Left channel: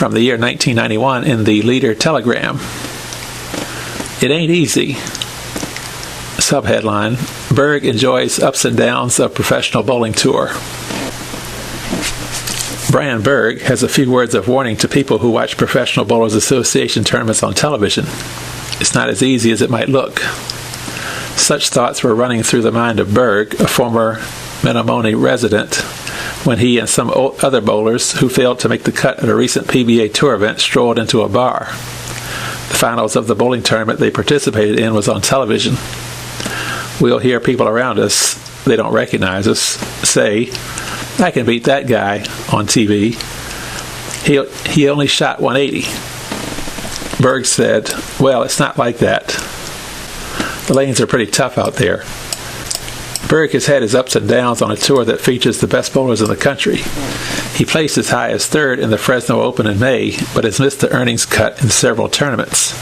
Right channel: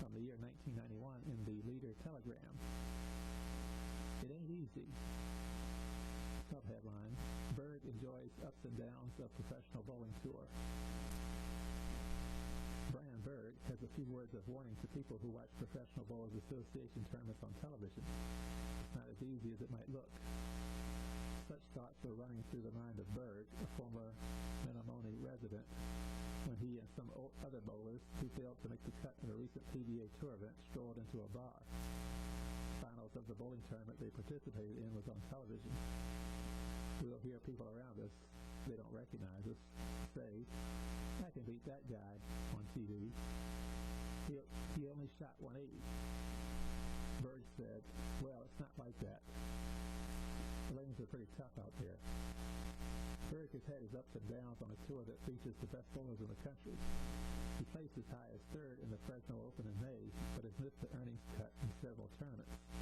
from the year 1991 in the Leader Telegram. It ain't easy. Subheadline, Berg enjoys ups and downs of professional bowling tour. Brian Berg has a few words of warning to people who watch Professional Bowlers Association tournaments on television. It's not as easy as it might look. Such thoughts were running through the mind of Berg, a former Menominee resident, when he and some other bowlers who failed to make the cut at a recent PBA tour event strolled into a bar. The finals of the bowling tournament they participated in was on television. We'll hear people around us, they don't recognize us, say, I can beat that guy on TV. He only shot 180. Berg said, well, it's not like that. The lanes are pretty tough out there. Berg has had his ups and downs on a tour that features the best bowlers in the country. He placed as high as third in the Fresno Open in May, but has missed the earnings cut in several tournaments.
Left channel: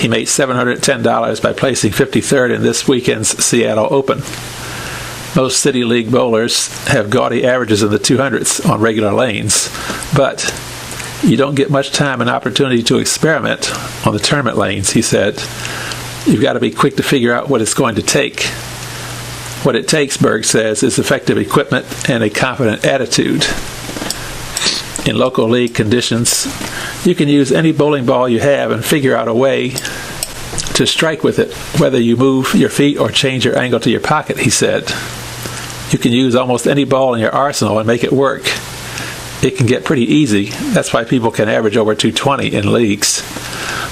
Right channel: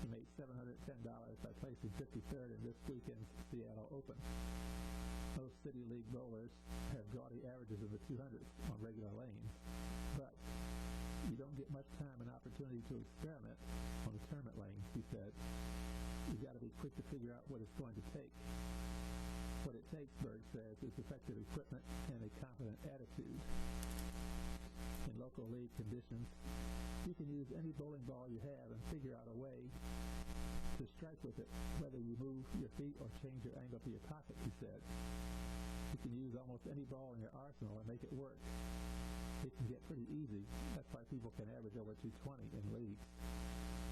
He made $710 by placing 53rd in this weekend's Seattle Open. Most City League bowlers have gaudy averages in the 200s on regular lanes, but you don't get much time and opportunity to experiment on the tournament lanes, he said. You've got to be quick to figure out what it's going to take. What it takes, Berg says, is effective equipment and a confident attitude. In local league conditions, you can use any bowling ball you have and figure out a way to strike with it, whether you move your feet or change your angle to your pocket, he said. You can use almost any ball in your arsenal and make it work. It can get pretty easy. That's why people can average over 220 in leagues.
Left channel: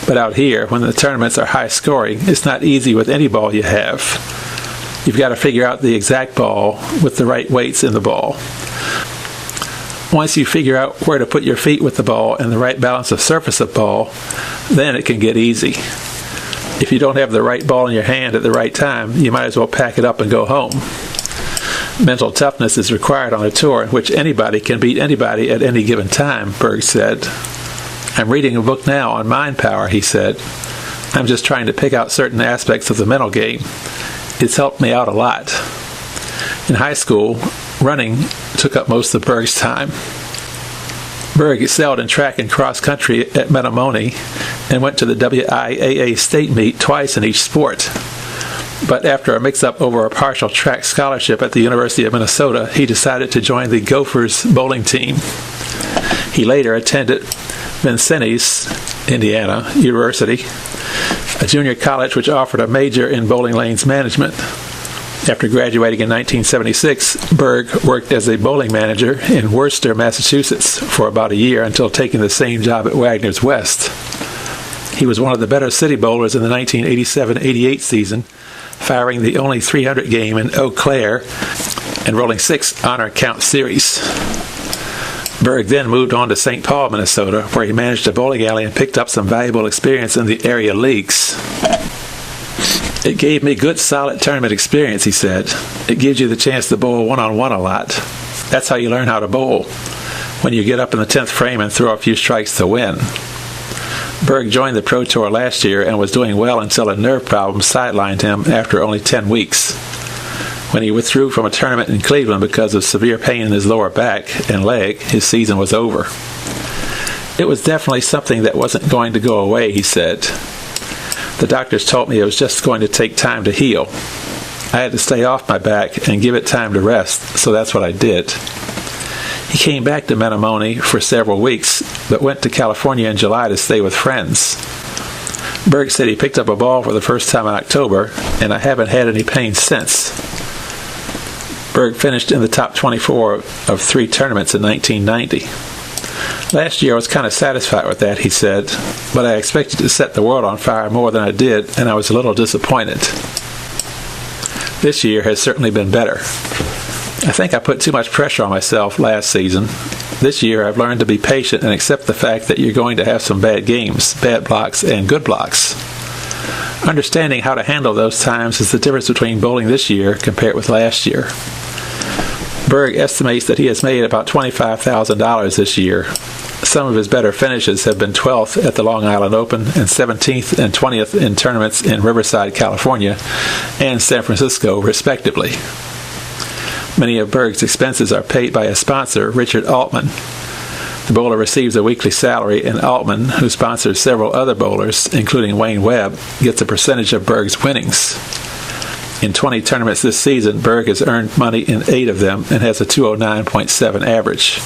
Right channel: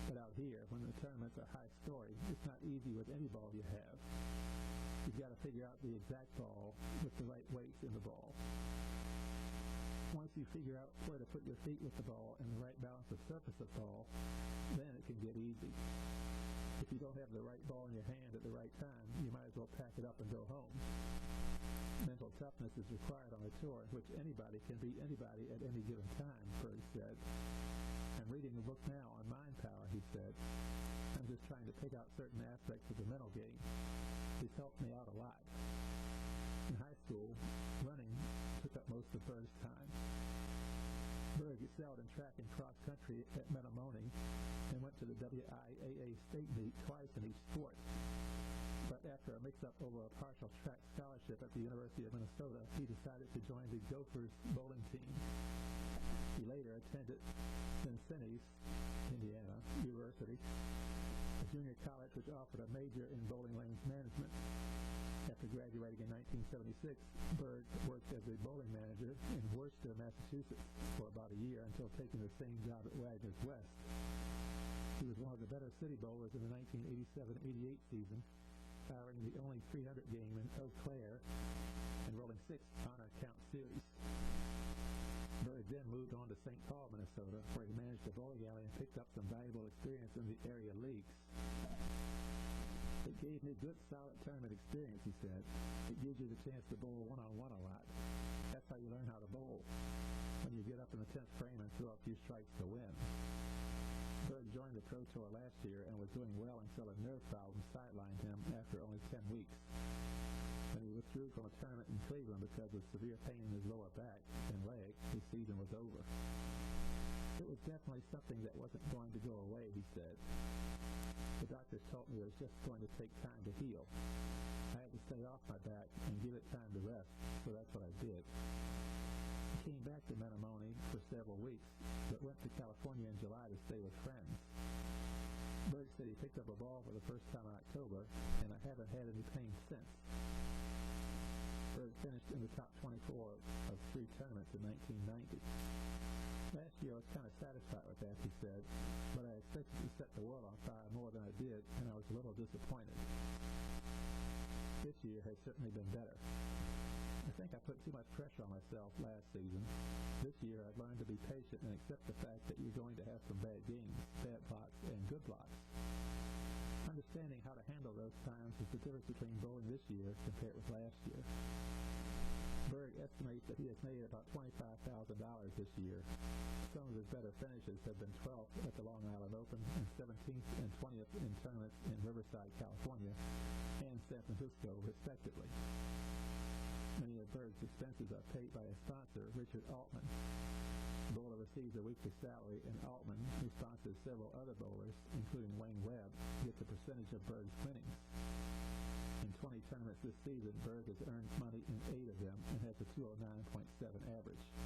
But out here, when the tournaments are high scoring, it's not easy with any ball you have. You've got to figure out the exact ball with the right weights in the ball. Once you figure out where to put your feet with the ball and the right balance of surface of ball, then it can get easy. If you don't have the right ball in your hand at the right time, you might as well pack it up and go home. Mental toughness is required on a tour in which anybody can beat anybody at any given time, Berg said. I'm reading a book now on mind power, he said. I'm just trying to pick out certain aspects of the mental game. It's helped me out a lot. In high school, running took up most of Berg's time. Berg excelled in track and cross country at Menominee and went to the WIAA state meet twice in each sport. But after a mix-up over a partial track scholarship at the University of Minnesota, he decided to join the Gophers bowling team. He later attended Vincennes, Indiana University, a junior college which offered a major in bowling lanes management. After graduating in 1976, Berg worked as a bowling manager in Worcester, Massachusetts for about a year until taking the same job at Wagner's West. He was one of the better city bowlers in the 1987-88 season, firing the only 300 game in Eau Claire and rolling 6 honor count series. Berg then moved on to St. Paul, Minnesota, where he managed a bowling alley and picked up some valuable experience in the area leagues. It gave me good, solid tournament experience, he said. It gives you the chance to bowl one-on-one a lot. That's how you learn how to bowl, when you get up in the 10th frame and throw a few strikes to win. Berg joined the Pro Tour last year and was doing well until a nerve problem sidelined him after only 10 weeks. When he withdrew from a tournament in Cleveland because of severe pain in his lower back and leg, his season was over. It was definitely something that wasn't going to go away, he said. The doctors told me it was just going to take time to heal. I had to stay off my back and give it time to rest, so that's what I did. He came back to Menominee for several weeks, but went to California in July to stay with friends. Berg said he picked up a ball for the first time in October, and I haven't had any pain since. Berg finished in the top 24 of 3 tournaments in 1990. Last year I was kind of satisfied with that, he said, but I expected to set the world on fire more than I did, and I was a little disappointed. This year has certainly been better. I think I put too much pressure on myself last season. This year I've learned to be patient and accept the fact that you're going to have some bad games, bad blocks, and good blocks. Understanding how to handle those times is the difference between bowling this year compared with last year. Berg estimates that he has made about $25,000 this year. Some of his better finishes have been 12th at the Long Island Open and 17th and 20th in tournaments in Riverside, California, and San Francisco, respectively. Many of Berg's expenses are paid by a sponsor, Richard Altman. The bowler receives a weekly salary, and Altman, who sponsors several other bowlers, including Wayne Webb, gets a percentage of Berg's winnings. In 20 tournaments this season, Berg has earned money in 8 of them and has a 209.7 average.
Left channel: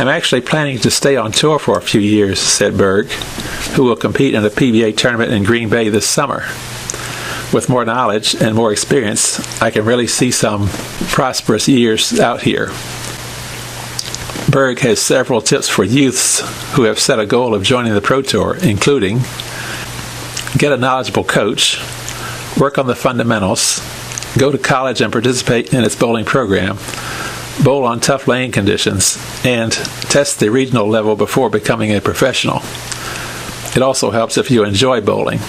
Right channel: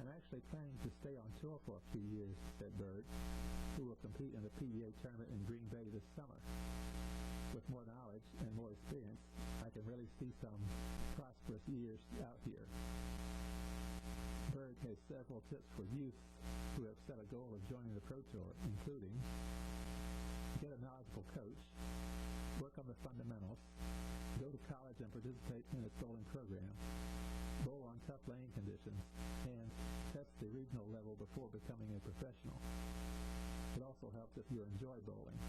I'm actually planning to stay on tour for a few years, said Berg, who will compete in a PBA tournament in Green Bay this summer. With more knowledge and more experience, I can really see some prosperous years out here. Berg has several tips for youths who have set a goal of joining the Pro Tour, including get a knowledgeable coach, work on the fundamentals, go to college and participate in its bowling program, bowl on tough lane conditions, and test the regional level before becoming a professional. It also helps if you enjoy bowling.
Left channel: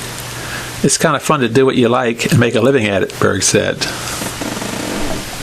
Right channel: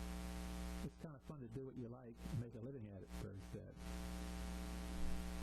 It's kind of fun to do what you like and make a living at it, Berg said.